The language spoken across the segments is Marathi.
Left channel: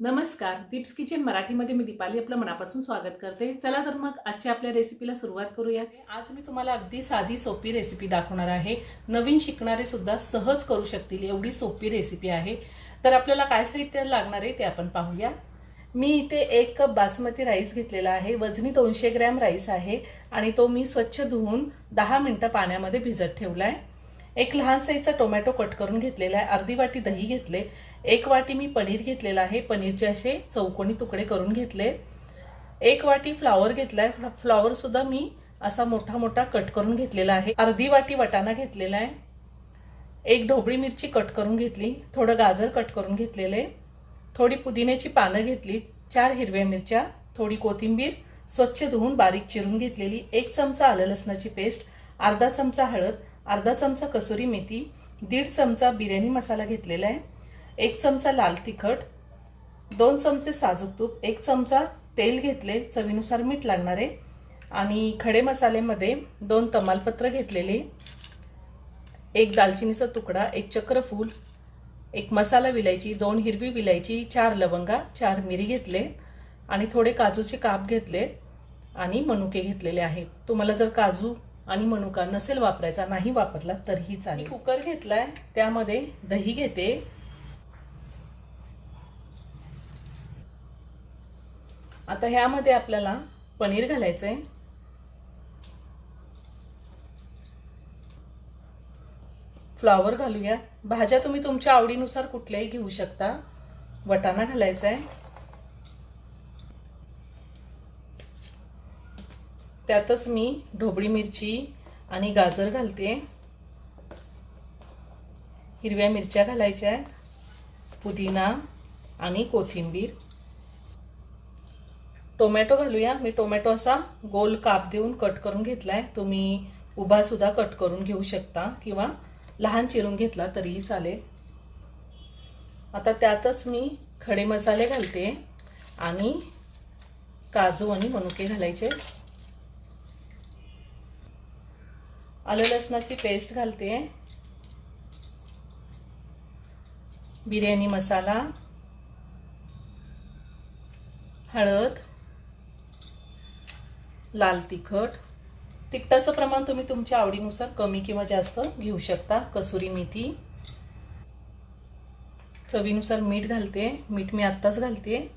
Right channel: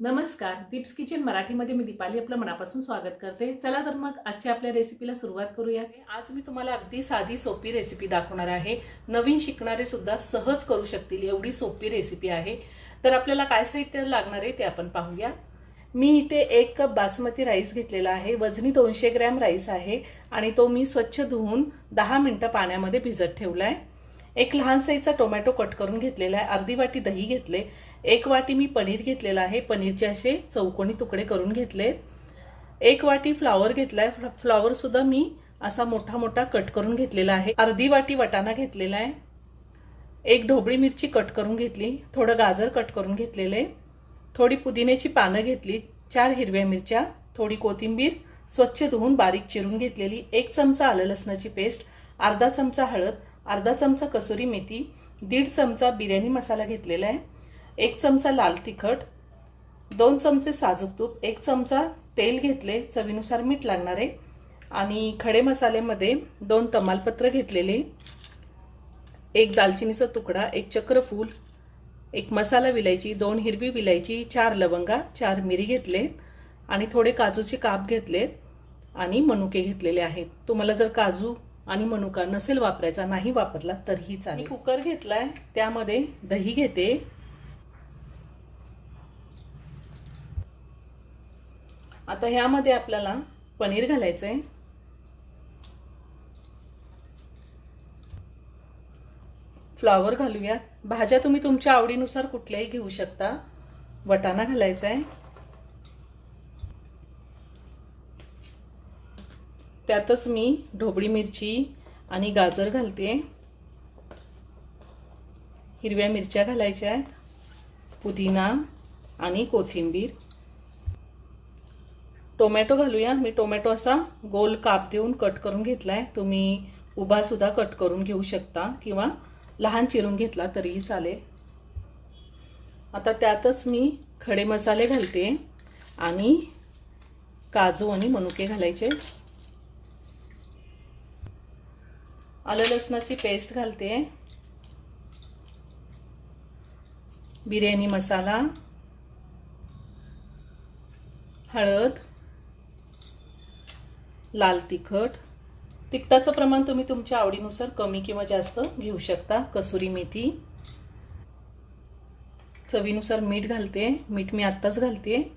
नमस्कार, दीप्स किचन मराठीमध्ये मी दीपाली आपलं मनापासून स्वागत करते। चला तर मग आजच्या आपल्या रेसिपीला सुरुवात करूया। आज मी तुम्हाला अगदी साधी सोपी रेसिपी दाखवणार आहे। नवीन शिकणारे सुद्धा सहज करू शकतील एवढी सोपी रेसिपी आहे। तर आपल्याला काय साहित्य लागणार आहे ते आपण पाहूया। मी इथे 1 कप बासमती राईस घेतलेला आहे। वजनी 200 ग्रॅम राईस आहे आणि तो मी स्वच्छ धुवून 10 मिनिटं पाण्यामध्ये भिजत ठेवलाय। एक लहान साईजचा टोमॅटो कट करून घेतलेला आहे। अर्धी वाटी दही घेतले। 1 वाटी मी पनीर घेतलेला आहे। पनीरचे असे चौकोनी तुकडे करून घेतले। 1 वाटी फ्लावर घेतलाय। फ्लावर सुद्धा मी असा मोठा मोठा कट करून घेतलेला आहे। अर्धी वाटी वाटाणा घेतलेला आहे। 1 ढोबळी मिरची कट करून घेतली। थोडं गाजर कट करून घेतलेले। थोडी पुदिन्याची पानं घेतली। 4 हिरव्या मिरच्या, थोडी कोथिंबीर स्वच्छ धुवून बारीक चिरून घेतलेली। 1 चमचा आलं लसणाची पेस्ट, अर्धा चमचा हळद, अर्धा चमचा कसुरी मेथी, 1.5 चमचा बिर्याणी मसाला घेतलेला आहे। 1 चमचा लाल तिखट, 2 चमचे साजूक तूप, 1 चमचा तेल घेतले, चवीनुसार मीठ लागणार आहे आणि खडे मसाल्यामध्ये 2 तमालपत्र घेतलेले, 1 दालचिनीचा तुकडा, 1 चक्रफूल, 1 मसाला विलायची, 2 हिरवी विलायची, 4 लवंगा, 4 मिरी घेतले आणि थोडे काजूचे काप घेतले आणि मनुके घेतलेले आहेत। तुम्हाला जर काजू आणि मनुका नसेल वापरायचा, नाही वापरला तरीही चालेल। कुकर घेतलाय, त्यामध्ये दही घेते। आता ह्यामध्ये आपल्याला पनीर घालायचंय। फ्लावर घालूया। भाज्या तुम्ही तुमच्या आवडीनुसार कुठल्याही घेऊ शकता। वाटाणा घालायचाय, त्यातच मी ढोबळी मिरची आणि गाजर घालते। हिरव्या मिरच्या घालायच्या, पुदिना आणि कोथिंबीर। टोमॅटो घालूया। मी टोमॅटो असा गोल काप देऊन कट करून घेतलाय। तुम्ही उभा सुद्धा कट करून घेऊ शकता किंवा लहान चिरून घेतला तरीही चालेल। आता त्यातच मी खडे मसाले घालते आणि काजू आणि मनुके घालायचे। आलं लसणाची पेस्ट घालते, बिर्याणी मसाला, हळद, लाल तिखट, तिखटाचं प्रमाण तुम्ही तुमच्या आवडीनुसार कमी किंवा जास्त घेऊ शकता। कसुरी मेथी, चवीनुसार मीठ घालते। मीठ मी आत्ताच घालते।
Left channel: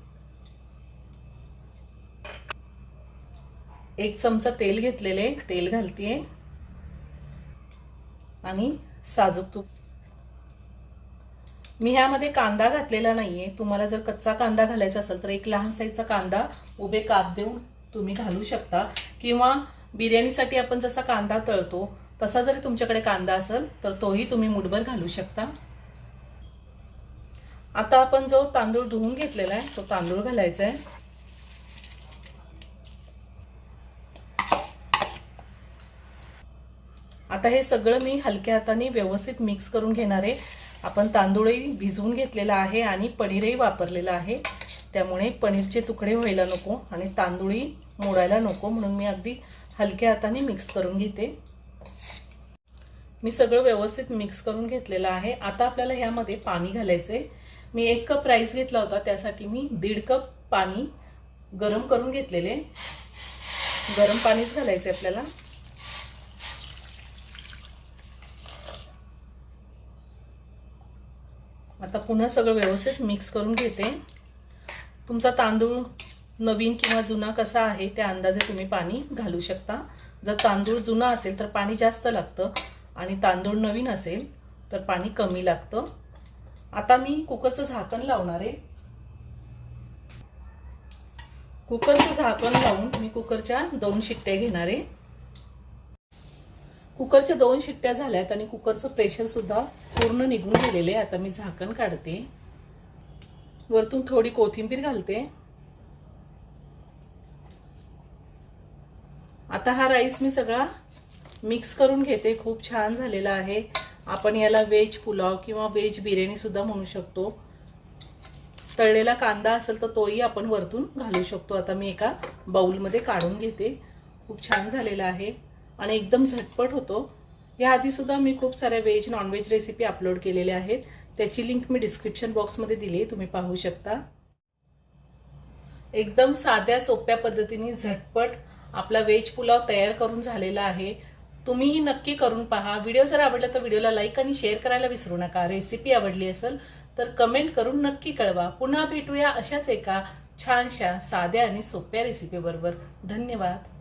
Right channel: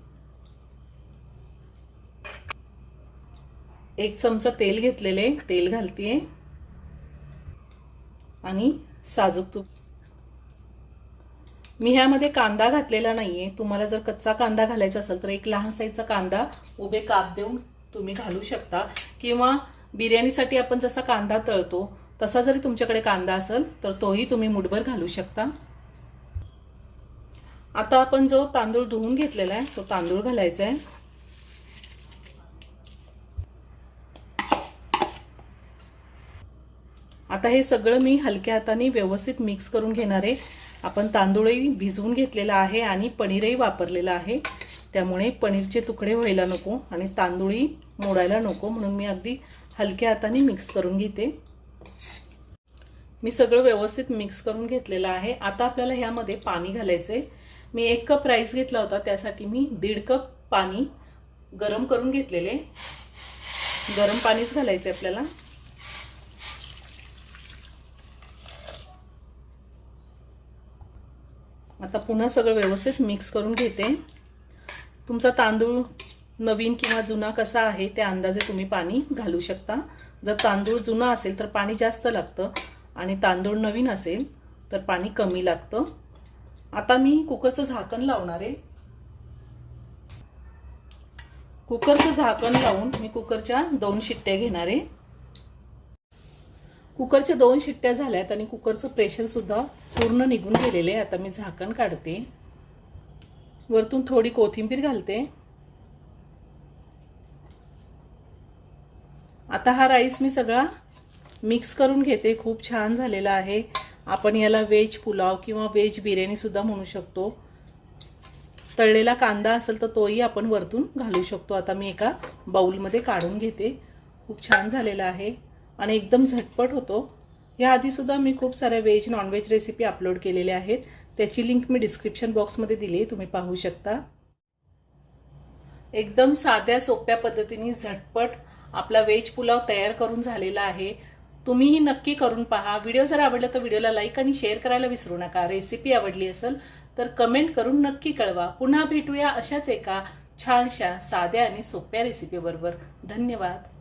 1 चमचा तेल घेतलेले, तेल घालते आणि साजूक तूप। मी ह्यामध्ये कांदा घातलेला नाहीये। तुम्हाला जर कच्चा कांदा घालायचा असेल तर 1 लहान साईजचा कांदा उभे काप देऊन तुम्ही घालू शकता किंवा बिर्याणीसाठी आपण जसा कांदा तळतो तसा जरी तुमच्याकडे कांदा असेल तर तोही तुम्ही मुठभर घालू शकता। आता आपण जो तांदूळ धुवून घेतलेला आहे तो तांदूळ घालायचा आहे। आता हे सगळं मी हलक्या हाताने व्यवस्थित मिक्स करून घेणार आहे। आपण तांदूळही भिजवून घेतलेला आहे आणि पनीरही वापरलेला आहे, त्यामुळे पनीरचे तुकडे व्हायला नको आणि तांदूळही मोडायला नको, म्हणून मी अगदी हलक्या हाताने मिक्स करून घेते। मी सगळं व्यवस्थित मिक्स करून घेतलेलं आहे। आता आपल्याला ह्यामध्ये पाणी घालायचंय। मी 1 कप राईस घेतला होता, त्यासाठी मी 1.5 कप पाणी गरम करून घेतलेले। गरम पाणीच घालायचंय आपल्याला। आता पुन्हा सगळं व्यवस्थित मिक्स करून घेते। तुमचा तांदूळ नवीन किंवा जुना कसा आहे त्या अंदाजे तुम्ही पाणी घालू शकता। जर तांदूळ जुना असेल तर पाणी जास्त लागतं आणि तांदूळ नवीन असेल तर पाणी कमी लागतं। आता मी कुकरचं झाकण लावणार आहे। कुकरचं झाकण लावून मी कुकरच्या 2 शिट्ट्या घेणार आहे। कुकरच्या 2 शिट्ट्या झाल्यात आणि कुकरचं प्रेशर सुद्धा पूर्ण निघून गेलेले आहे। आता मी झाकण काढते, वरतून थोडी कोथिंबीर घालते। आता हा राईस मी सगळा मिक्स करून घेते। खूप छान झालेला आहे। आपण याला व्हेज पुलाव किंवा व्हेज बिर्याणी सुद्धा म्हणू शकतो। तळलेला कांदा असेल तर तोही आपण वरतून घालू शकतो। आता मी एका बाउलमध्ये काढून घेते। खूप छान झालेला आहे आणि एकदम झटपट होतो। याआधी सुद्धा मी खूप साऱ्या veg non veg recipe upload केलेल्या आहेत, त्याची लिंक मी डिस्क्रिप्शन बॉक्समध्ये दिली आहे, तुम्ही पाहू शकता। एकदम साध्या सोप्या पद्धतीने झटपट आपला व्हेज पुलाव तयार करून झालेला आहे। तुम्हीही नक्की करून पहा। व्हिडिओ जर आवडला तर व्हिडिओला लाईक आणि शेअर करायला विसरू नका। रेसिपी आवडली असेल तर कमेंट करून नक्की कळवा। पुन्हा भेटूया अशाच एका छानशा साध्या आणि सोप्या रेसिपी बरोबर। धन्यवाद।